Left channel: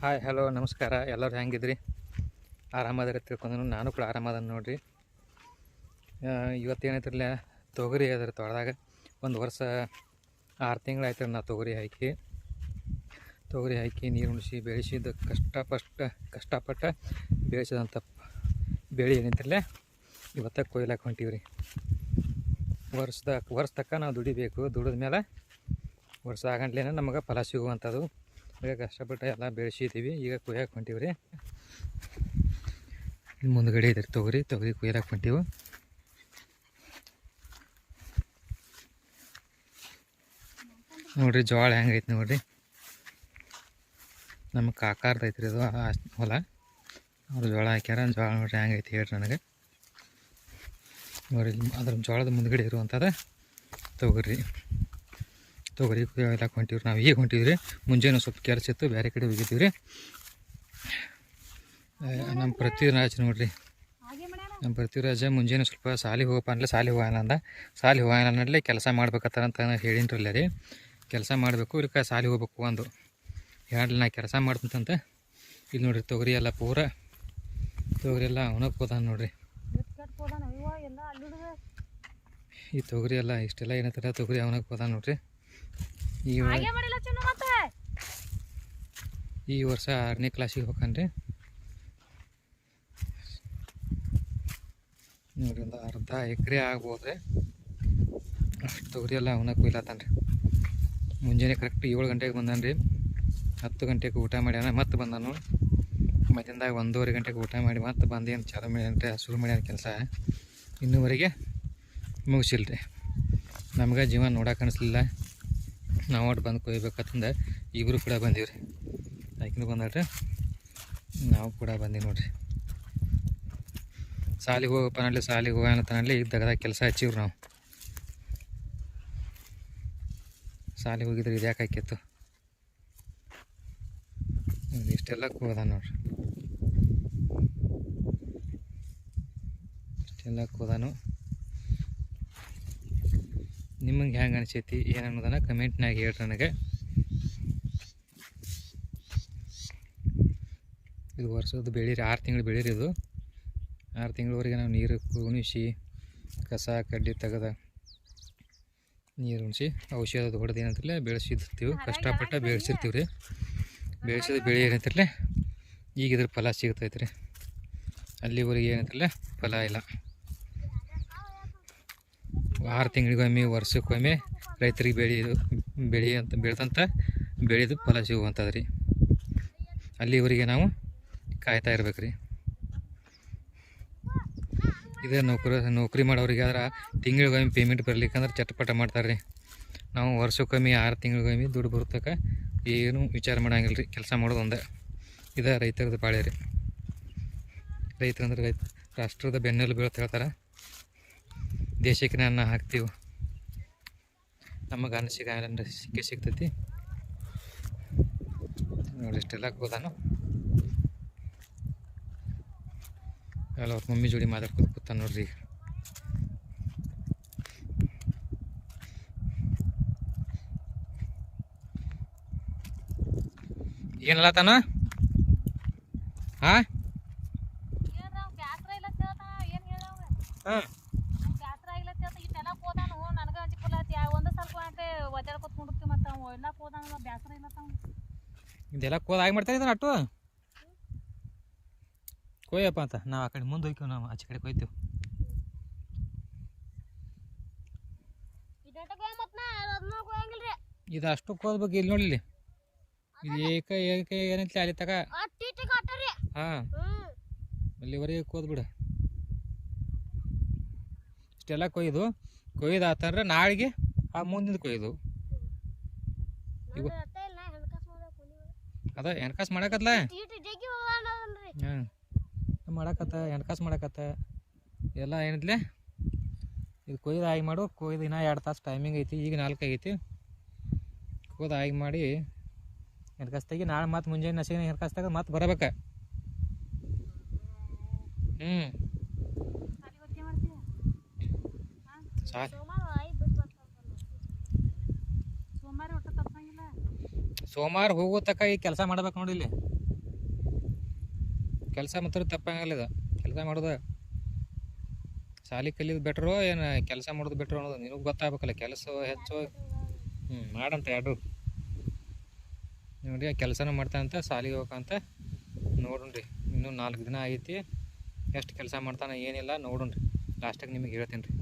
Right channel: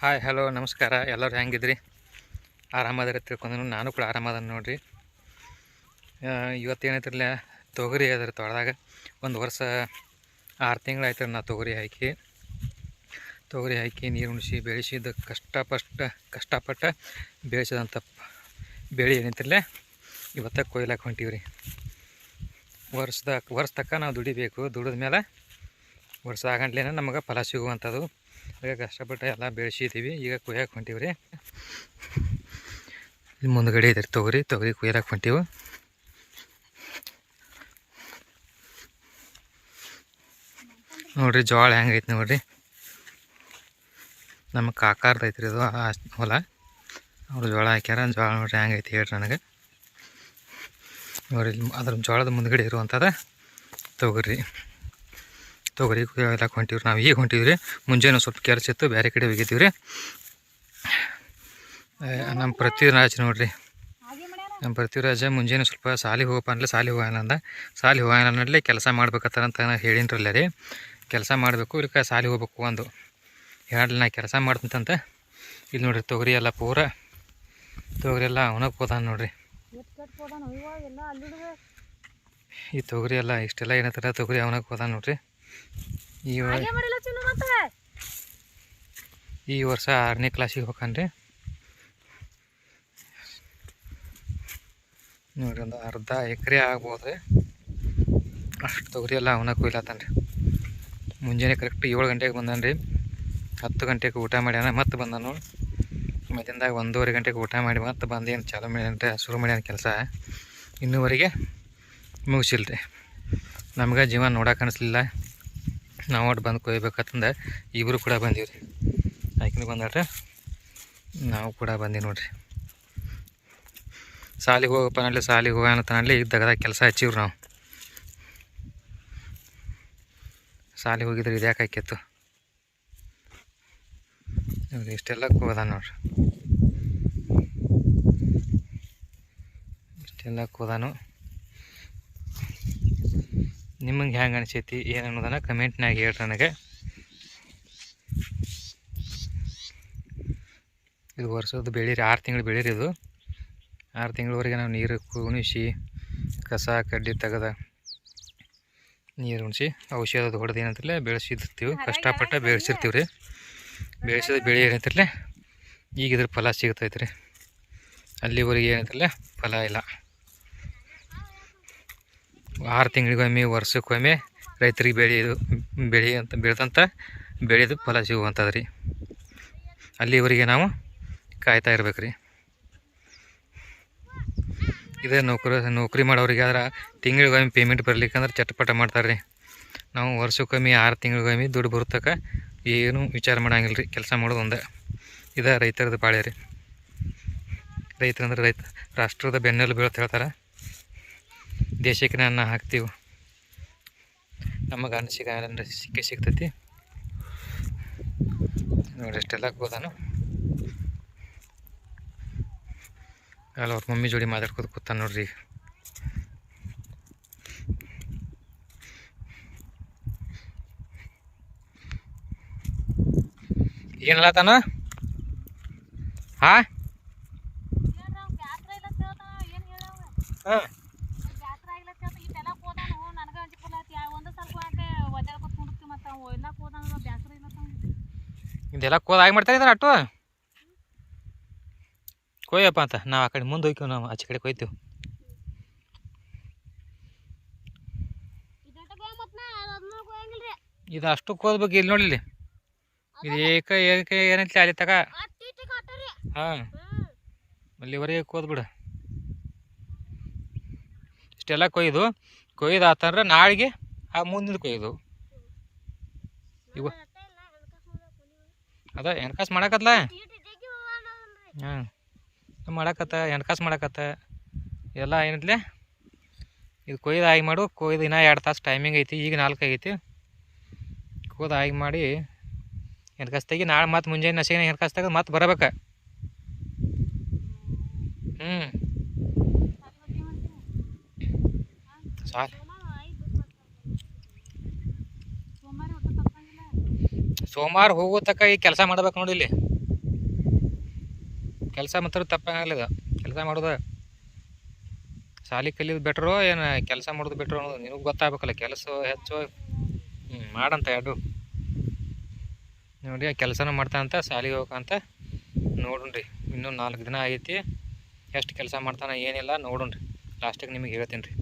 Hi hello ನಮಸ್ಕಾರ. ಎಲ್ಲರೂ ಹೆಂಗಿದ್ರಿ? ಆರಾಮದಾರ ತಿಳ್ಕೊಂಡು ನಾನು ಕೂಡ ಆರಾಮದ ನೋಡ್ರಿ. ಆ, ಇವತ್ತು ಏನೈತಿರಲ್ಲ ತೊಗರಿ ಅದ್ರ ತೊಳೆದಾಗ ಒಂದು ವರ್ಷ ಆರು ತಿಂಗಳು ಆಯ್ತು ನಾ ತೊಗರಿ ಹಾಕಿ. ತೊಗರಿ ಹಾಕಿ ನೀರು ಉಣಿಸಿ ಬೆಳೆಸಿದ ಕಷ್ಟಪಷ್ಟ ಕಷ್ಟಪಟ್ಟು ಬೆಳೆಸಿದಂಥ ಬೆಳೆ ಏನೈತಿರಲ್ಲ ಇವತ್ತ ಕೊಯ್ಲಾಕ ಹೊಂಟೀವಿ ರೀ ವರ್ಷದ ವರ್ಷ ತಕ್ಕ ನಾವು ದುಡಿಬೇಕು. ದುಡಿದ ಮೇಲೆ ವರ್ಷ ಆಗಂಟ್ಲೇ ನಮಗೆ ಫಲ ಸಿಗುವಂಥದ್ದು ಈಗ ಕಷ್ಟಪಟ್ಟು ಎಲ್ಲ ಬೆಳೆಸಿದ್ದೀವಿ ಈಗ ಕುಯ್ಯಕ್ಕೆ ಹೊಂಟೀವಿ ರೀ ಇಲ್ಲಿ ಮುಂದ್ಗಡೆ ಇದ್ರಿ, ತೊಗರಿ ತೊಗರಿ ಕುಯ್ಯಕ್ಕೆ ಹೊಂಟೀವು. ನೋಡಿರಿ ಜೋಳ ಹೆಂಗೈತೆ ನೋಡಿರಿ. ನಮ್ಮ ಕಾಕಾರ್ದು ಐತ್ರಿ ಆ ಹೊಲ. ಅವ್ರು ಜೋಳ ಹಾಕ್ಯಾರ, ಜೋಳ ನೋಡ್ರಿ ಹೆಂಗೈತಿ ಹೇಳ್ರಿ ನನಗೆ. ನೋಡಿರಿ ಅದ್ರ ಜೋಳದ ಮುಂದ್ಗಡೆ ಇರುವಂಥದ್ದು ತೊಗರಿ. ತೊಗರಿ ಎಲ್ಲ ಹೊಂಟಿವ್ರಿ. ನಾವು ಈಗ ಹೊಂಟೀವಿ ರೀ ಮುಂಜಾನೆ ಸ್ವಲ್ಪ ಕೆಲಸ ಇತ್ತು ಬೇರೆ ಕಡೆ ಹೋಗಿದ್ದೀವಿ ರೀ ನಮ್ಮ ಪೃಥ್ವಿರಾಜ್ ನೋಡ್ರಿ. ನಮ್ಮ ಪೃಥ್ವಿರಾಜ, ಮುಂಜಾನೆ ಸ್ವಲ್ಪ ಸಾಲಿ ಹೋಗಪ್ಪ ಅಂದ್ರೆ ಸಾಲಿ ಹೋಗಲ್ಲ ಅಂದ. ಸಾಲಿ ಹೋಗಲ್ಲ ಕೆಲಸ ಮಾಡ್ಬೇಕತ್ತ ಅಂತ ಹೇಳಿನ್ರಲ್ಲ ರೀ. ಕೆಲಸ ಮಾಡಬೇಕು ಇಲ್ಲಿ ಸಾಲಿ ಹೋಗ್ಬೇಕು ಒಂದು ಹೇಳಲಿ ನಾ ಕೆಲಸ ಮಾಡ್ತಂತ ಇಲ್ಲಿ ನೋಡ್ರಿ, ತೊಗರಿ ಎಲ್ಲ ಪೂರ. ತೊಗರಿ ಎಲ್ಲ ಅವನಕ್ಕೆ ಹೋದಾನ ನೋಡ್ರಿ. ಈ ತೊಗರಿ ಎಲ್ಲ ಇಷ್ಟೆಲ್ಲ ಏನತ್ತಾರ ತೊಗರಿ ಅವನಕ್ಕೆ ಹೋದ ನೋಡ್ರಿ. ಈ ಈ ವರ್ಷ ಆರನೇ ಕ್ಲಾಸಿಗೆ ಹೋಗ್ಕನ್ರಿ ನೋಡ್ರಿ ಒಂದು ಅರ್ಧ ಎಕರೆ ಆಗ್ಬೋದ್ರಿ. ಅಷ್ಟು ತೊಗರಿ ಎಲ್ಲ ಅವನ ಕೊಯ್ಲಾತಾನ ರೀ ಮುಂಜಾನೆ ಕರೆಕ್ಟ್ ಏಳು ಗಂಟೆಗೆ ಬಂದಾನ ರೀ ಹತ್ತು ಗಂಟೆಗೆ ಊಟ ಮಾಡ್ಯಾನ ಮತ್ತೆ ಬಂದಾನು. ಮಧ್ಯಾಹ್ನದಾಗ ಒಂದೂವರೆ ಗಂಟೆಗೆ ಊಟ ಮಾಡಿ ಮತ್ತೆ ಬಂದೇನು ಚಾಲೂ ಮಾಡ್ಯಾನ ರೀ ಶುರು ಮಾಡ್ಯಾನ ಕೆಲಸ. ಇನ್ನೂವರೆಗೆ ಮುಗಿಸಿಲ್ರಿ. ನಮ್ಗೆ ಜೀವನ ನೋಡೋಕೆ ಅನಿಸ್ಲಿಲ್ಲ. ನಾವು ಒಟ್ಟು ಬಂದು ಕೊಯ್ಬೇಕಂತಂದು ಇಬ್ಬರು ಕೂಡ ಬಂದೀವಿ ರೀ ಆಯ್ಕೆ ಬಂದಾಳ್ರಿ? ನಾವು ಕೂಡ ಬಂದೀವಿ ನೋಡ್ರಿ. ಸಾಲಿಗೆ ಹೋಗಪ್ಪ ನಡ್ಲಿ ಸಾಲಿಗೆ ಹೋಗೋಣ ಈಗ ದಗದಾಗ ಕೆಲಸ ಹಚ್ಚಿವ್ರಿ ನಾವು. ಸಾಲಿಗೆ ಹೋಗಿದ್ರೆ ಇದು ಯಾಕೆ ಇಷ್ಟೆಲ್ಲ ಹೋದ ನೋಡ್ರಿ. ಇಷ್ಟೆಲ್ಲ ಹೋದಾನು ನಿಮಗೆ ಹೆಂಗೆ ಅನಿಸೈತಿ, ಏನು ಅನ್ನೋದನ್ನು ಕಮೆಂಟ್ನಾಗ ಹೇಳ್ರಿ ನನಗೆ. ಇದು ವರ್ಷದ ಬೆಳೀರಿ ಆರು ತಿಂಗಳು ಬೆಳೀರಿ ಇದು. ಆರು ತಿಂಗಳವರೆಗೆ ನಾವು ನೀರು ಕುಣಿಸಿ ಕಸ, ಕಡ್ಡಿ ತೆಗೆದ ನೀರು ಉಣಿಸಿ ಔಷಧ ಹೊಡೆದು ಏನಂತಿರಲ್ಲ ಬೆಳೆಸಿರ್ತೀವಿ ಕಷ್ಟಪಟ್ಟು ಬೆಳೆಸಿರ್ತೀವಿ ರೀ. ಬೆಳೆಸಿದ ಬೆಳೆ ಏನಂತಿರಲ್ಲ ಈಗ ಇದ್ರ ಫಲ ಸಿಗ್ತೈತೆ ರೀ ಅಲ್ಲಿವರೆಗೆ ಏನಂತಿರಲ್ಲ ಫಲ ಇಲ್ಲ. ಆರು ತಿಂಗಳಿಗೊಮ್ಮೆ, ವರ್ಷಕ್ಕೊಮ್ಮೆ ರೈತರಿಗೆ ಬೆಳೆಯೋದು ಬೆಳೆ ಅಂತ ಬೆಳೆದಂಥ ಬೆಳೆದು ಫಲ ಸಿಗುವಂಥದ್ದು ರೀ ಅಲ್ಲಿವರೆಗೆ ನಾವು ಕಾಯ್ತಾ ಇರ್ಬೇಕು ರೀ ಇದೇ ನೌಕರಿ ನೌಕರಿ ಮಾಡೋರಿಗೆ ಆದ್ರೆ ತಿಂಗಳಿಗೊಮ್ಮೆ ಪೇಮೆಂಟ್ ಬರ್ಲಿಕ್ಕಂದ್ರೆ ಚಟಪಟ ಮಾಡ್ತಾರೆ ರೀ ನಾವು ವರ್ಷಕ್ಕೊಮ್ಮೆ ಆರು ತಿಂಗಳಿಗೊಮ್ಮೆ ದುಡ್ಡು ಬರ್ತಕ್ಕ ಏನು ವಿಚಾರ ಮಾಡೋಂಗಿಲ್ಲ ರೀ ಕೆಲಸ ಮಾಡೋದು ಒಂದೇ. ಇದೇ ರೈತರದ್ದು ಬಾಳೆ ರೀ ರೈತರಂದ್ರೆ ರೈತ ರಾಷ್ಟ್ರದ ಬೆನ್ನೆಲು ಅಂತ ಹೇಳ್ತಾರೆ. ದೇಶಕ್ಕೆ ಅನ್ನ ಹಾಕ್ತೀವಿ. ನಮಗೆ ಅನ್ನ ಸಿಗ ಅಂದ್ರೆ ಸಿಕ್ಕೇ ಸಿಗ್ತೈತಿ. ನೋಡಿ ಅಷ್ಟೆಲ್ಲ ಹೋದಾನು ಅಲ್ಲ ಅವ್ರ ಮಮ್ಮಿ ಜೋಡಿ ಮಾತಾಡ್ಕೊತ ಕೂತಾನೆ ನೋಡ್ರಿ ಈಗ. ಏನಲ್ಲ ತಾನ ಹಾ ಹಾಂ. ಇದೆಲ್ಲ ಕೋದ್ ಆಗಿ ಮಾಡ್ತಾರೆ ಇದನ್ನ ಅಟ್ಟು? ಕೊಯ್ಯಪ್ಪ ಅಂತ. ನಾವು ಆ ಕಡೆ ಮುಂದೆ ಹೋಗ್ತೀವಿ ನಾವು ಆಚೆ ಕಡೆ ಕೊಯ್ತೀವಿ. ಇದು ಅಷ್ಟು ಕೋದ್ಬೇಕು ಇಲ್ಲಿ ನೋಡಿಲಿ ಇದು ಏಕ ಏಕ ಏನೈತಿ ಅಲ್ಲಿ ತಗ ಹಾಂ. ಅಲ್ಲಿವರೆಗೆ ಕೋದ್ಬಿಡು ಇಷ್ಟೆಲ್ಲ ಕೊಯ್ದು ಕೊಯ್ದು ಆತಂದ್ರೆ ನಾಳೆಗೆ ಆ ಮುಂದಿನ ಕೊಯ್ದು. ಇವ ಅದ ಎಣ್ಕಾಸು ಮಾಡಕತ್ಲ? ಹಾಂ. ಮಾಡಕತ್ತ? ಎಣ್ಕಾಸು ಮಾಡಕತ್ತ. ಎಲ್ಲ ಏನಿದ್ಲೆ? ಇದು ಕೊಯ್ದು ಆಗಿ ಮಾಡು. ಕೊಯ್ದು ಇನ್ನೂ ಎರಡು ತಾಸು ಟೈಮಿಂಗ್ ಐತಿ. ಈಗ ನಾಲ್ಕು ಆಗೈತಿ. ಕೊಯ್ದು ಆಗಿ ಮಾಡಿ ಎಣ್ಕಾಸು ತೆಗಿ, ನಾಳೆ ಮತ್ತೆ ಮುಂಜಾನೆ ನಸಿಗೆ ಎಣ್ಕಾಸು ತೆಗೆದು ಮತ್ತೆ ಬರಬೇಕ. ಹ್ಞೂ ಸಾಲ ಸೋಮವಾರ ಹೋಗೋ ತಕ್ಕ ಈ ಕೆಲಸ ಮಾಡ್ಬೇಕು ನೋಡಿ ಇಲ್ಲಿ. ಕೆಲಸ ಮಾತ್ರ ಇದು. ಕೆಲಸ ಮಾಡೋದು ಶಾಲಿ ಕಲಿಯೋದು ಬೆಟ್ರು ಏನು ಕೆಲಸ ಮಾಡೋದು ಬೆಟ್ರು ಅನ್ನೋದು ನಿನಗೆ ಗೊತ್ತಾಗಬೇಕಲ್ಲ. ಕೆಲಸ ಹೆಚ್ಚು ಹ್ಞೂ ಮಾಡಂತ ಎರಡು. ನೋಡಿ ಕೆಲಸನೂ ಮಾಡ್ತಾನಂತ ಶಾಲಿಗೆ ಹೋಗಂತ ನೋಡ್ರಿ ಇನ್ನೂ ನಾಲ್ಕು ದಿನ ಐತಿ ಎಷ್ಟು ಕೆಲಸ ಮಾಡ್ತಾನೆ ಏನಿಲ್ಲ ನೋಡೋಣ್ರಿ. ಲಾಸ್ಟಿಗೆ ನಿಮಗೆ ಹೇಳ್ತೀನಿ ರೀ